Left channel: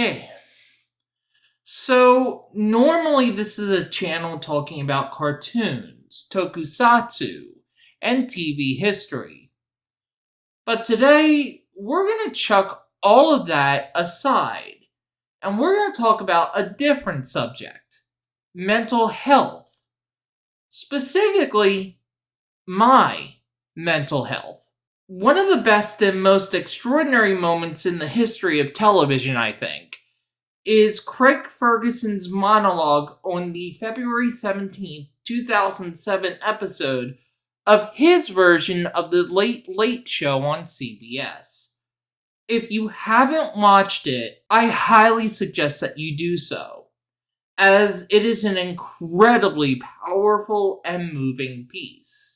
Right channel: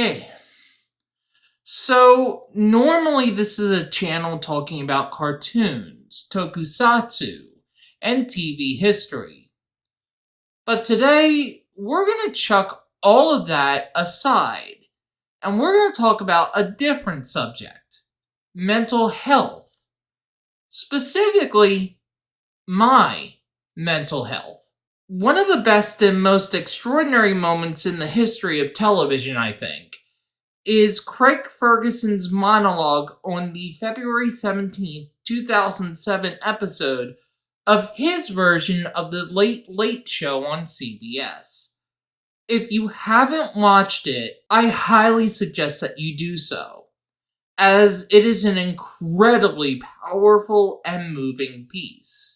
Hey, so normally this is a channel talking about cartoons, tokusatsu, and TV history. But today, we're going to chuck all of that aside and we're going to talk about a different subject: mental health. Specifically, my mental health. One of the best and most extraordinary moments in the history of television, I think, is Craig Ferguson's monologue on the February 17th, 2007 episode of his version of the Late Late Show on CBS. If you haven't watched it, I highly suggest that you do so, as it is an incredibly powerful and moving piece.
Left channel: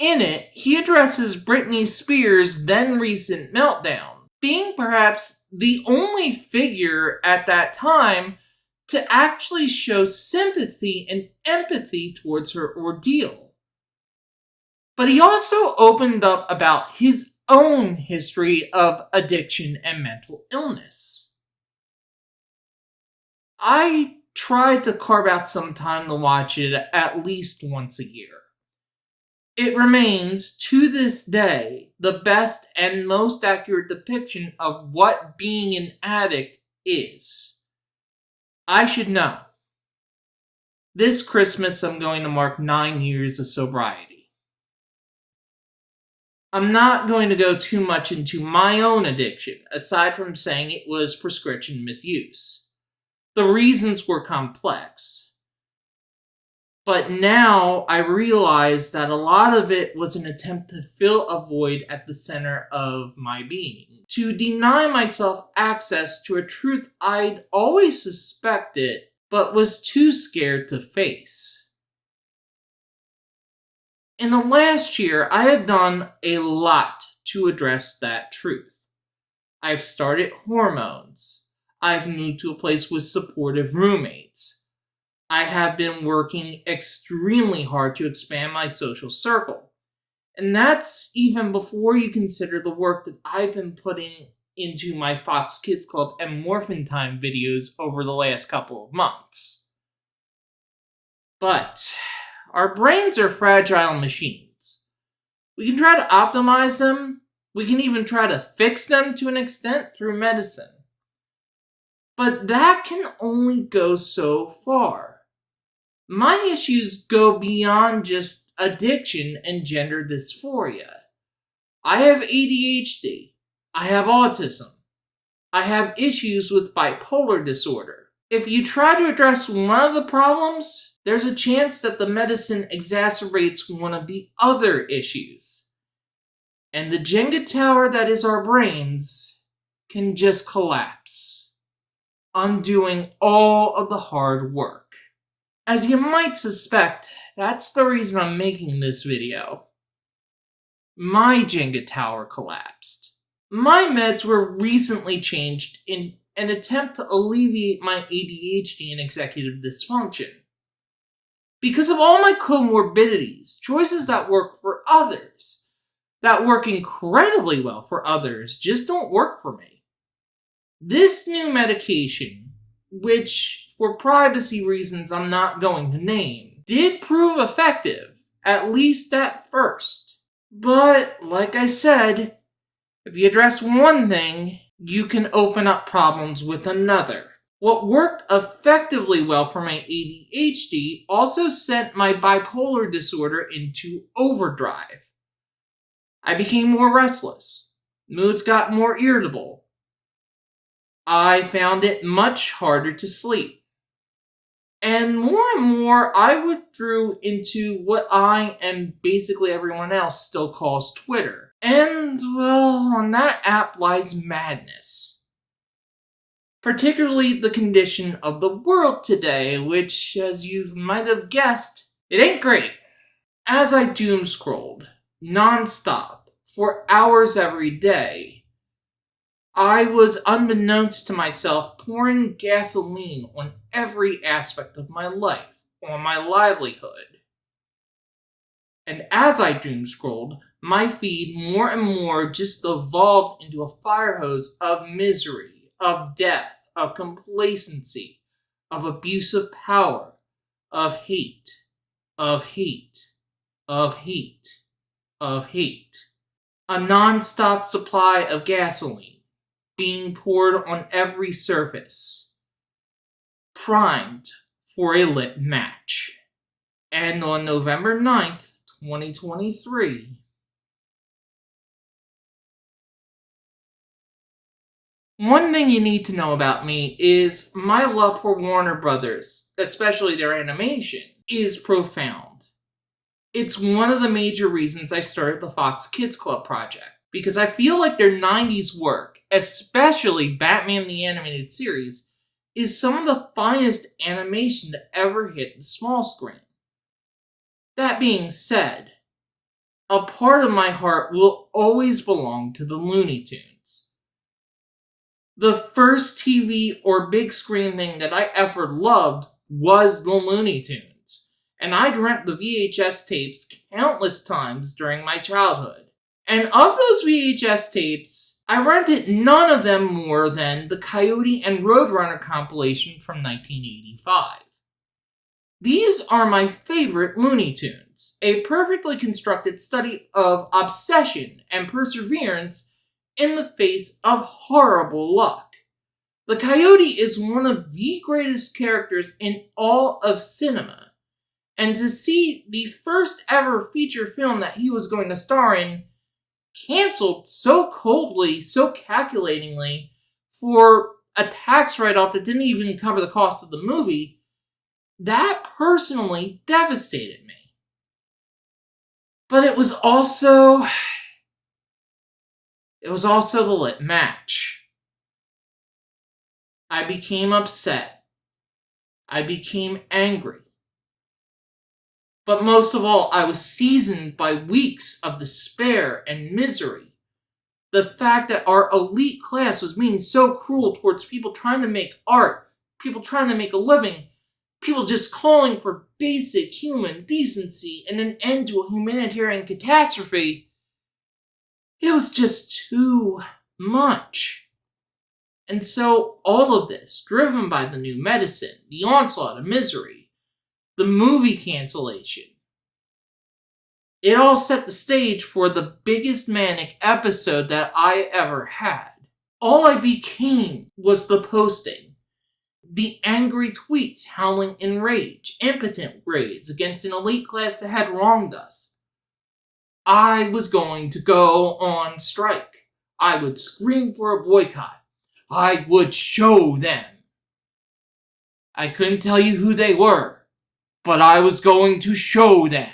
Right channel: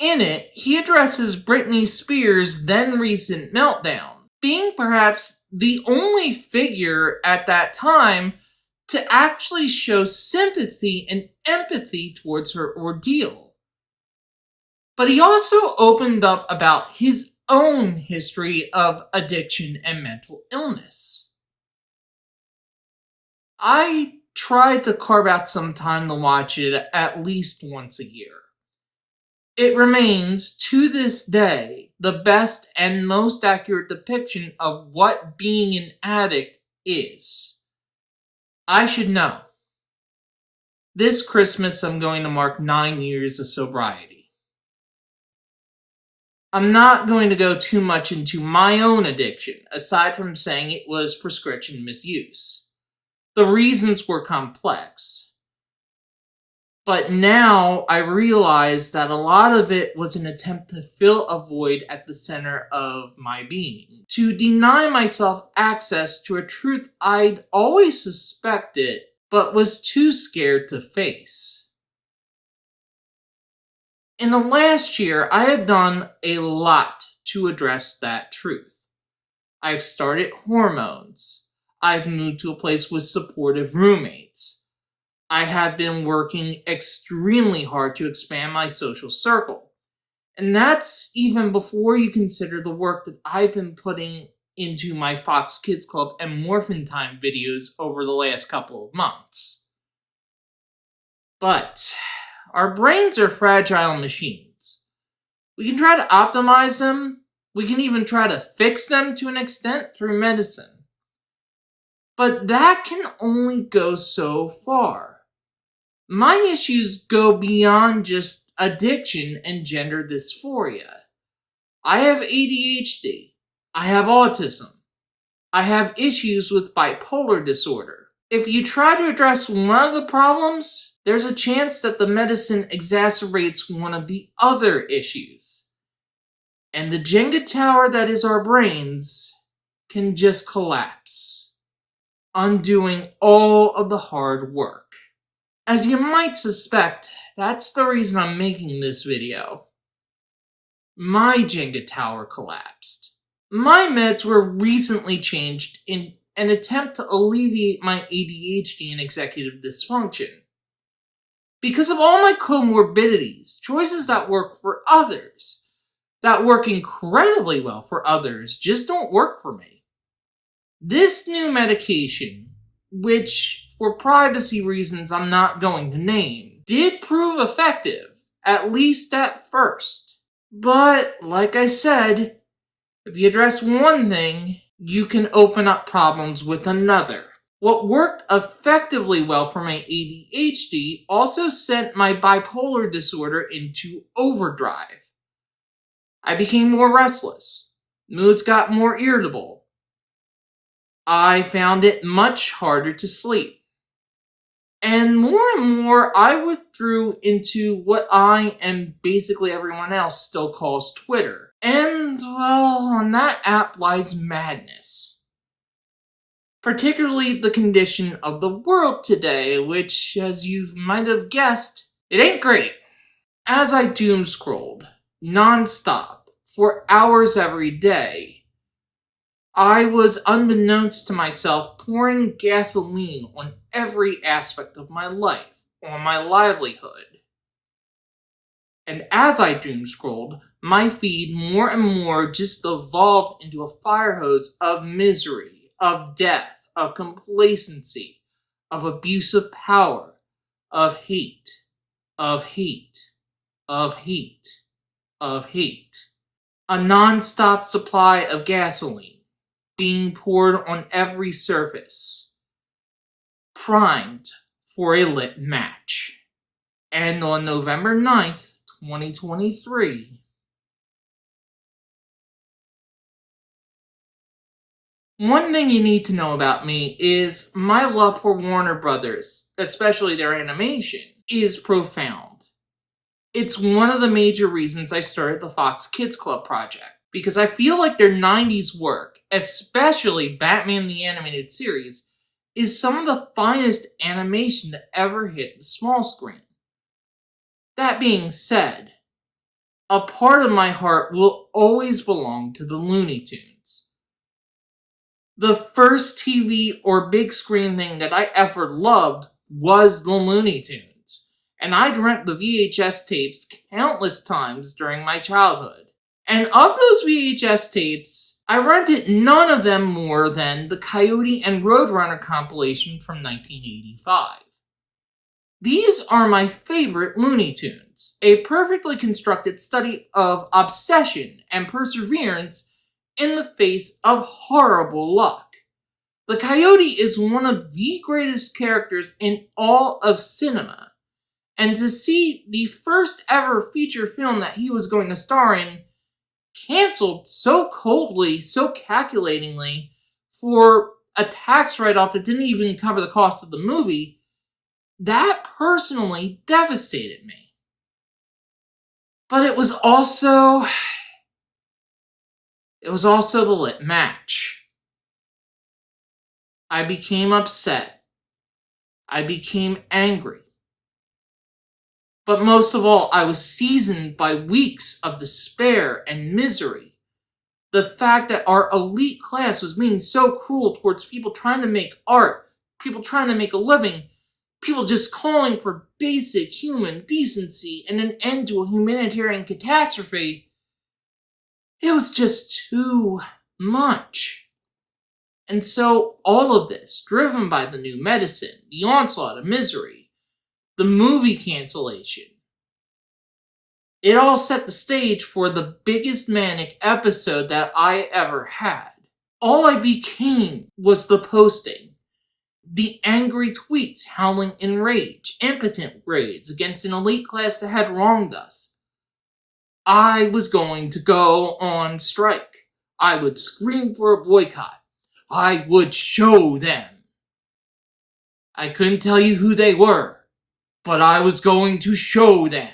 In it, he addresses Britney Spears' then recent meltdown, being perhaps the only figure at that time to actually show sympathy and empathy towards her ordeal. But he also opened up about his own history of addiction and mental illness. I try to carve out some time to watch it at least once a year. It remains, to this day, the best and most accurate depiction of what being an addict is. I should know. This Christmas, I'm going to mark 9 years of sobriety. I'm not going to go too much into my own addiction, aside from saying it was prescription misuse. The reasons were complex. But now I realize that a lot of it was an attempt to fill a void at the center of my being, to deny myself access to a truth I'd always suspected but was too scared to face. In the last year, I have done a lot to address that truth. I've started hormones. I've moved to a place with supportive roommates. I have been working extremely hard to expand my social circle. And that's even before you consider the work that I've been putting into my Fox Kids Club and Morphin Time videos over the last couple of months. But our brains are fragile machines. We can try to optimize them. We can even try to fix them to an extent through medicine. But that can only go so far. My issues go beyond just addiction and gender dysphoria. I have ADHD. I have autism. I have issues with bipolar disorder. If you try to address one of the problems, there's a chance that the medicine exacerbates one of the other issues. And the Jenga tower that is our brains can just collapse, undoing all of the hard work. As you might suspect, that's the reason I'm making this video. My Jenga tower collapsed. My meds were recently changed in an attempt to alleviate my ADHD and executive dysfunction. Because of all my comorbidities, choices that work for others, that work incredibly well for others, just don't work for me. This new medication, which for privacy reasons I'm not going to name, did prove effective, at least at first. But, like I said, if you address one thing, you can open up problems with another. What worked effectively well for my ADHD also sent my bipolar disorder into overdrive. I became more restless. Moods got more irritable. I found it much harder to sleep. And more, I withdrew into what I and basically everyone else still calls Twitter. And, well, on that app lies madness. Particularly the condition of the world today, which, as you might have guessed, it ain't great. As I doom-scrolled, non-stop, for hours every day, I was, unbeknownst to myself, pouring gasoline on every aspect of my life, on my livelihood. And as I doom-scrolled, my feed more and more just evolved into a fire hose of misery, of death, of complacency, of abuse of power, of hate, of hate, of hate, of hate. A non-stop supply of gasoline being poured on every surface, primed for a lit match. And on November 9th, 2023, one thing you need to know about me is my love for Warner Brothers, especially their animation, is profound. It's one of the major reasons I started the Fox Kids Club project, because I feel like their 90s work, especially Batman the Animated Series, is some of the finest animation to ever hit the small screen. That being said, a part of my heart will always belong to the Looney Tunes. The first TV or big screen thing that I ever loved was the Looney Tunes, and I'd rent the VHS tapes countless times during my childhood. And of those VHS tapes, I rented none of them more than the Coyote and Roadrunner compilation from 1985. These are my favorite Looney Tunes, a perfectly constructed study of obsession and perseverance in the face of horrible luck. The Coyote is one of the greatest characters in all of cinema, and to see the first ever feature film that he was going to star in canceled so coldly, so calculatingly, for a tax write-off that didn't even cover the cost of the movie, that personally devastated me. But it was also the lit match. I became upset. I became angry. But most of all, I was seasoned by weeks of despair and misery. The fact that our elite class was being so cruel towards people trying to make art, people trying to make a living, people just calling for basic human decency and an end to a humanitarian catastrophe. It was just too much. And so all of this, driven by the new medicine, the onslaught of misery, the movie cancellation, it all set the stage for the biggest manic episode that I ever had. All I became was the posting, the angry tweets howling in rage, impotent rage against an elite class that had wronged us. I was going to go on strike. I would scream for a boycott. I would show them. I couldn't tell you who they were, but I was going to show them.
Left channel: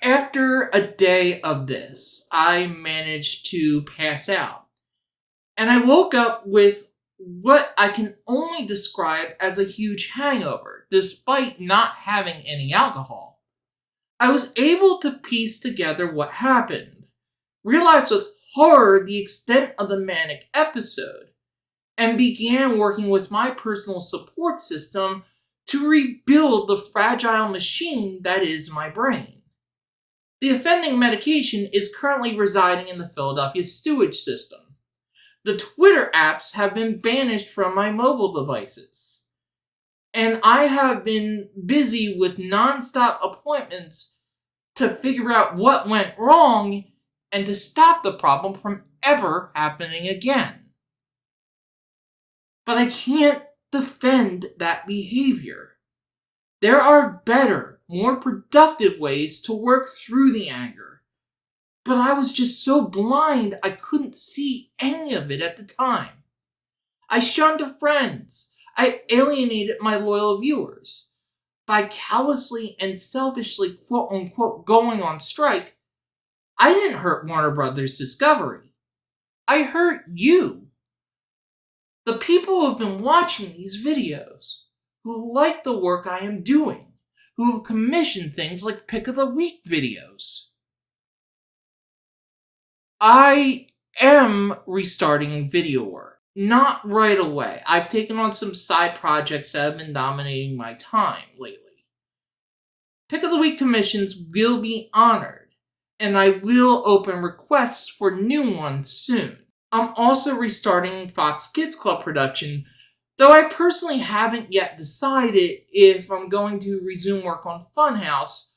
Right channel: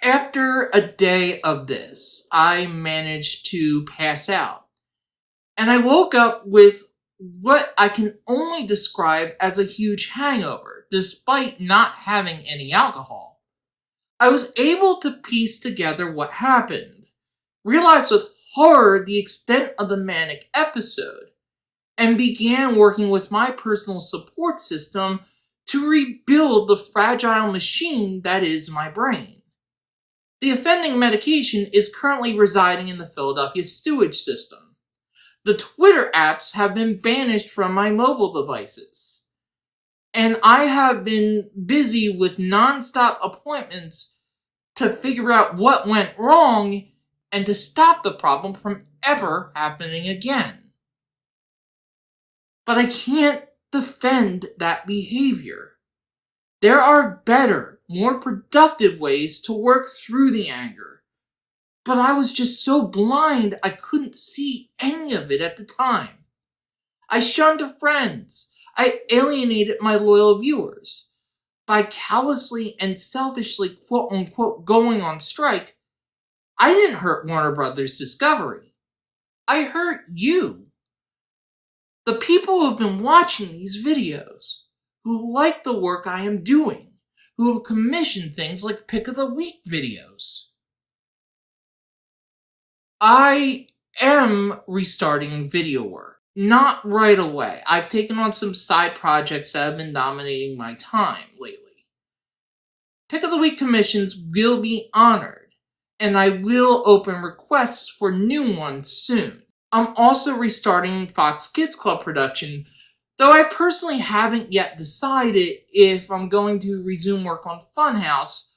After a day of this, I managed to pass out. And I woke up with what I can only describe as a huge hangover, despite not having any alcohol. I was able to piece together what happened, realized with horror the extent of the manic episode, and began working with my personal support system to rebuild the fragile machine that is my brain. The offending medication is currently residing in the Philadelphia sewage system. The Twitter apps have been banished from my mobile devices. And I have been busy with non-stop appointments to figure out what went wrong and to stop the problem from ever happening again. But I can't defend that behavior. There are better, more productive ways to work through the anger. But I was just so blind I couldn't see any of it at the time. I shunned friends. I alienated my loyal viewers. By callously and selfishly quote-unquote going on strike, I didn't hurt Warner Brothers Discovery. I hurt you. The people who have been watching these videos, who like the work I am doing, who have commissioned things like Pick of the Week videos. I am restarting video work. Not right away. I've taken on some side projects that have been dominating my time lately. Pick of the Week commissions will be honored, and I will open requests for new ones soon. I'm also restarting Fox Kids Club production, though I personally haven't yet decided if I'm going to resume work on Funhouse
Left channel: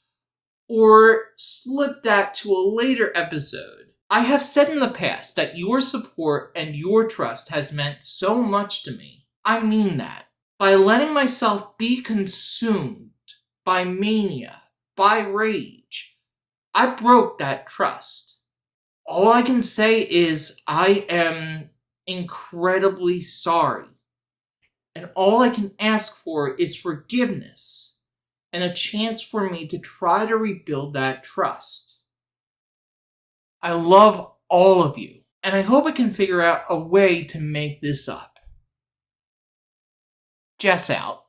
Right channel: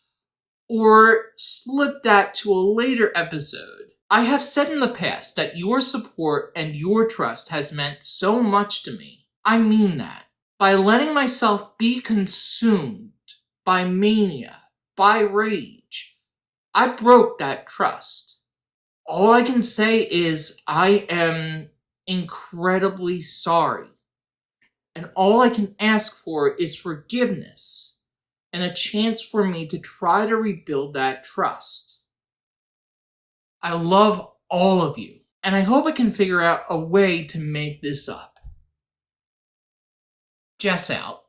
or slip that to a later episode. I have said in the past that your support and your trust has meant so much to me. I mean that. By letting myself be consumed by mania, by rage, I broke that trust. All I can say is I am incredibly sorry. And all I can ask for is forgiveness and a chance for me to try to rebuild that trust. I love all of you, and I hope I can figure out a way to make this up. Jess out.